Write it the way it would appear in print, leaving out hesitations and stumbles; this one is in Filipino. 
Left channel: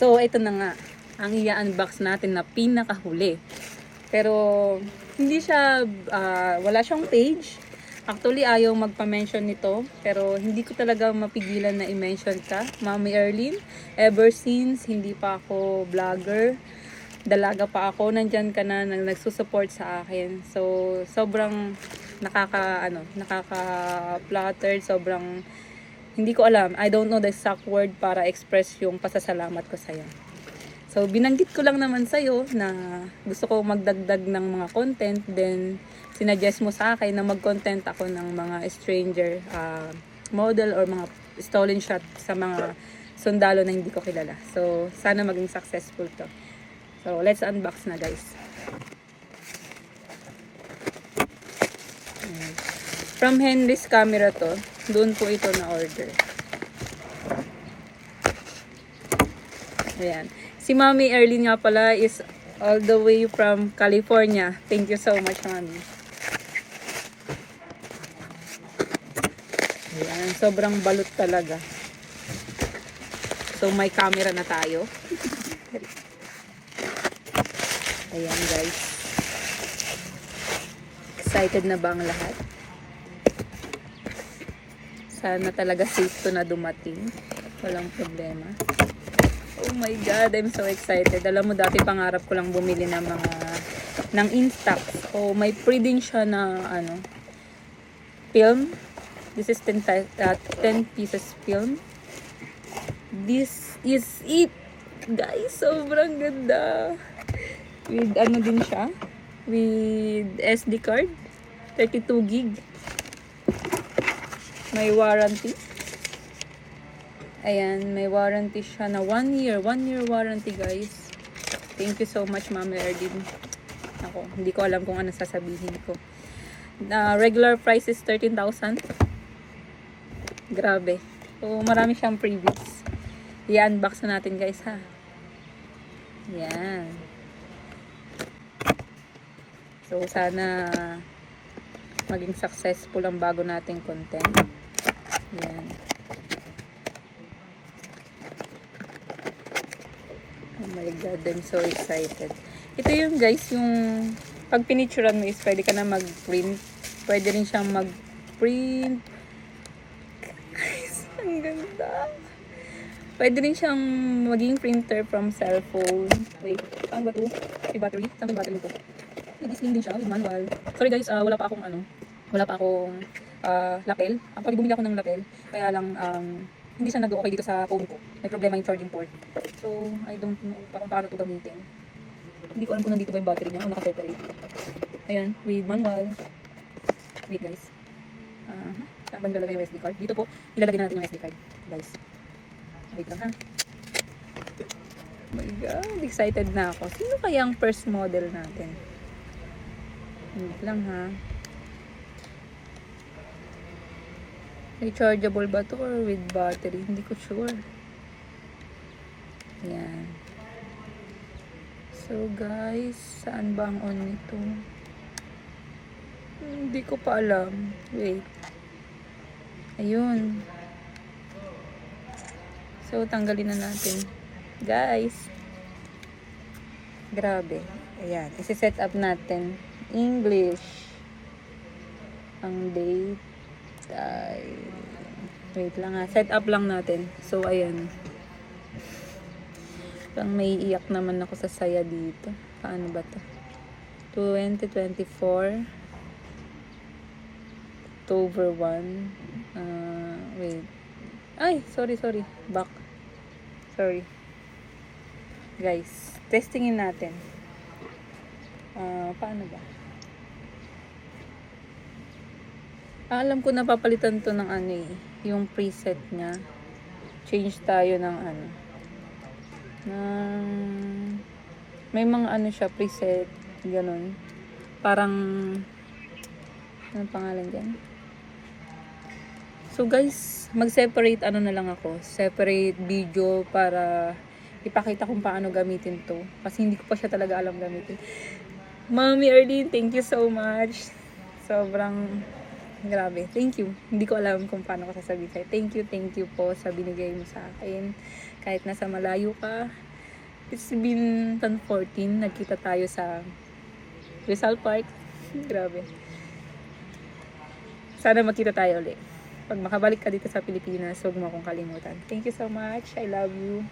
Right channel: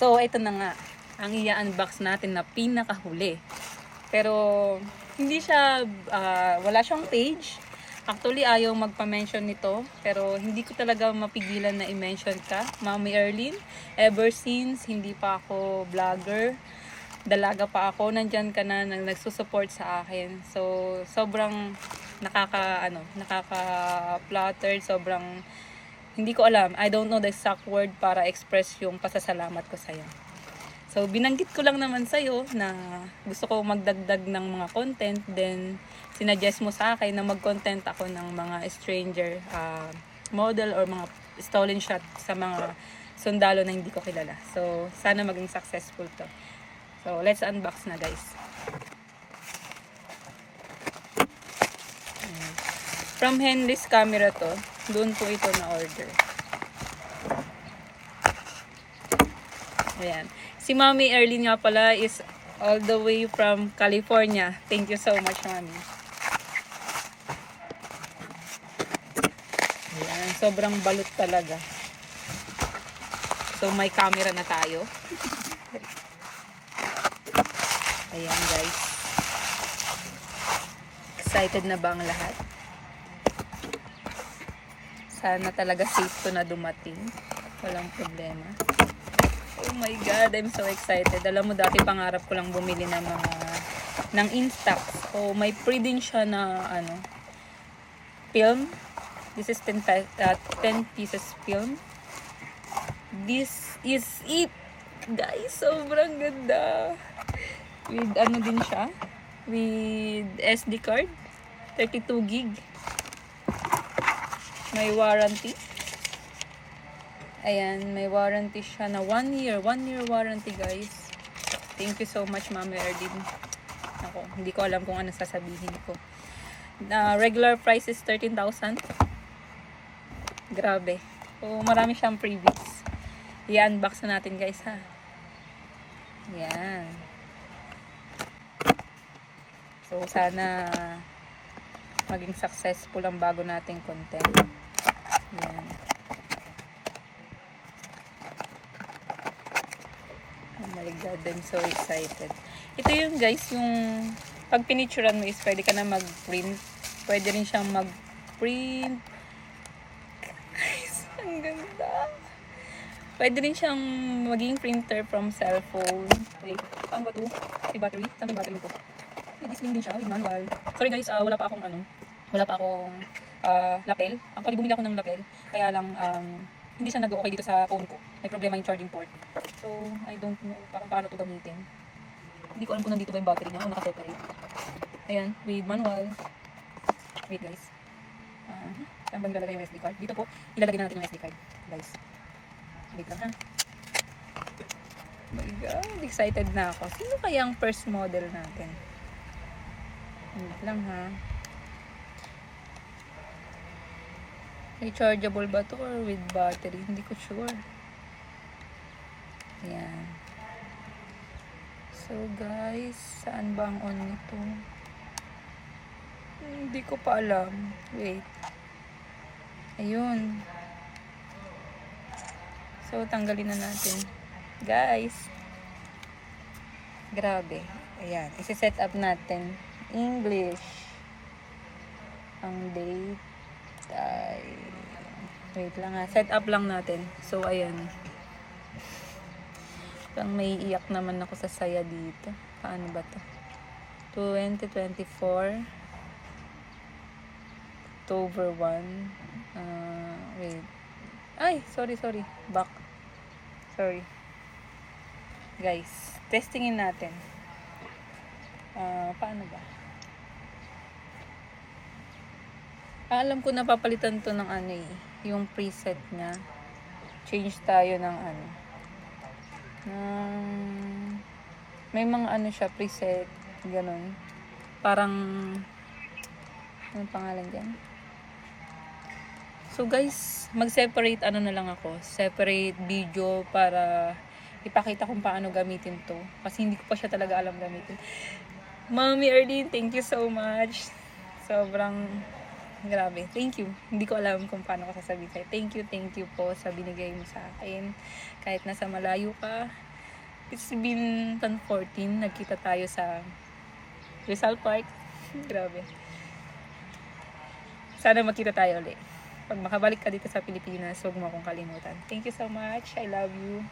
So, ito na nga. Ang i-unbox natin na pinakahuli. Pero, hindi siya, wala siyang page. Actually, ayaw magpa-mention nito. Pero, hindi ko talaga mapigilan na i-mention ka. Mami Erlyn, ever since, hindi pa ako vlogger. Dalaga pa ako, nandyan ka na nagsusupport sa akin. So, sobrang nakaka-flattered, sobrang hindi ko alam. I don't know the exact word para express yung pasasalamat ko sa'yo. So, binanggit ko lang naman sa'yo na gusto ko magdagdag ng mga content. Then, sinuggest mo sa akin na mag-content ako ng mga stranger model or mga stolen shot sa mga sundalo na hindi ko kilala. So, sana maging successful to. So, let's unbox na guys. From Henry's Camera to. Doon po ito na order. Ayan. Si Mami Erlyn nga pala is all the way from California. Thank you so much, Mami. Ayan. Sobrang balot talaga. So, may camera na tayo. Ayan, guys. Excited na ba ang lahat? Sana talaga safe to na dumating. Walang problema. Oh my God, I'm so excited. Alam mo, dati pangarap ko lang bumili ng ng Instax. So, may free din siya na, film. This is 10 pieces film. This is it. Guys, sobrang ganda. With, din siya? With SD card. 32 gig. May warranty. Ayan, may warranty siya na 1 year. 1 year warranty, guys. Thank you so much, Mami Erlyn. Ako, hindi ko alam kung ano sasabihin ko. Regular price is 13,000. Grabe. So, marami siyang freebies. I-unbox na natin, guys, ha. Ayan. So, sana maging successful ang bago nating content. Ayan. Oh my God, I'm so excited. Ito yung guys, yung pag pinicturean mo is pwede ka na mag-print. Pwede rin siyang mag-print. Guys, ang ganda. Pwede rin siyang maging printer from cellphone. Wait, paano ba ito? May battery? Saan may battery ito? May display din siya with manual. Sorry guys, wala pa akong lapel. Actually, bumili ako ng lapel. Kaya lang, hindi siya nag-okay dito sa phone ko. May problema yung charging port. So, I don't know paano ito gamitin. Hindi ko alam kung nandito ba yung battery niya o naka-separate. Ayan, with manual. Wait guys. Saan ba nilalagay yung SD card? Dito po, ilalagay na natin yung SD card. Guys. Wait lang ha. Oh my God, excited na ako. Sino kaya ang first model natin? Wait lang ha. Rechargeable ba to or with battery? Hindi ko sure. Ayan. So guys, saan ba ang on nito? Hindi ko pa alam. Wait. Ayun. So, tanggalin na natin. Guys. Grabe. Ayan. Isi-set up natin. English. Ang date. Wait lang ha. Set up lang natin. So, ayan. Pang may iyak naman ako sa saya dito. Paano ba to? 2024 October 1. Wait. Ay, sorry. Back. Sorry. Guys, testingin natin. Paano ba? Alam ko napapalitan to ng yung preset niya. Change tayo ng may mga siya, preset. Ganun. Parang, anong pangalan dyan? So guys, mag-separate na lang ako. Separate video para ipakita kung paano gamitin to. Kasi hindi ko pa siya talaga alam gamitin. Mami Erlyn, thank you so much. Sobrang grabe. Thank you. Hindi ko alam kung paano ko sasabihin sa'yo. Thank you po sa binigay mo sa akin. Kahit nasa malayo ka, It's been 2014, nagkita tayo sa Rizal Park. Grabe. Sana magkita tayo ulit. Pag makabalik ka dito sa Pilipinas, huwag mo akong kalimutan. Thank you so much. I love you.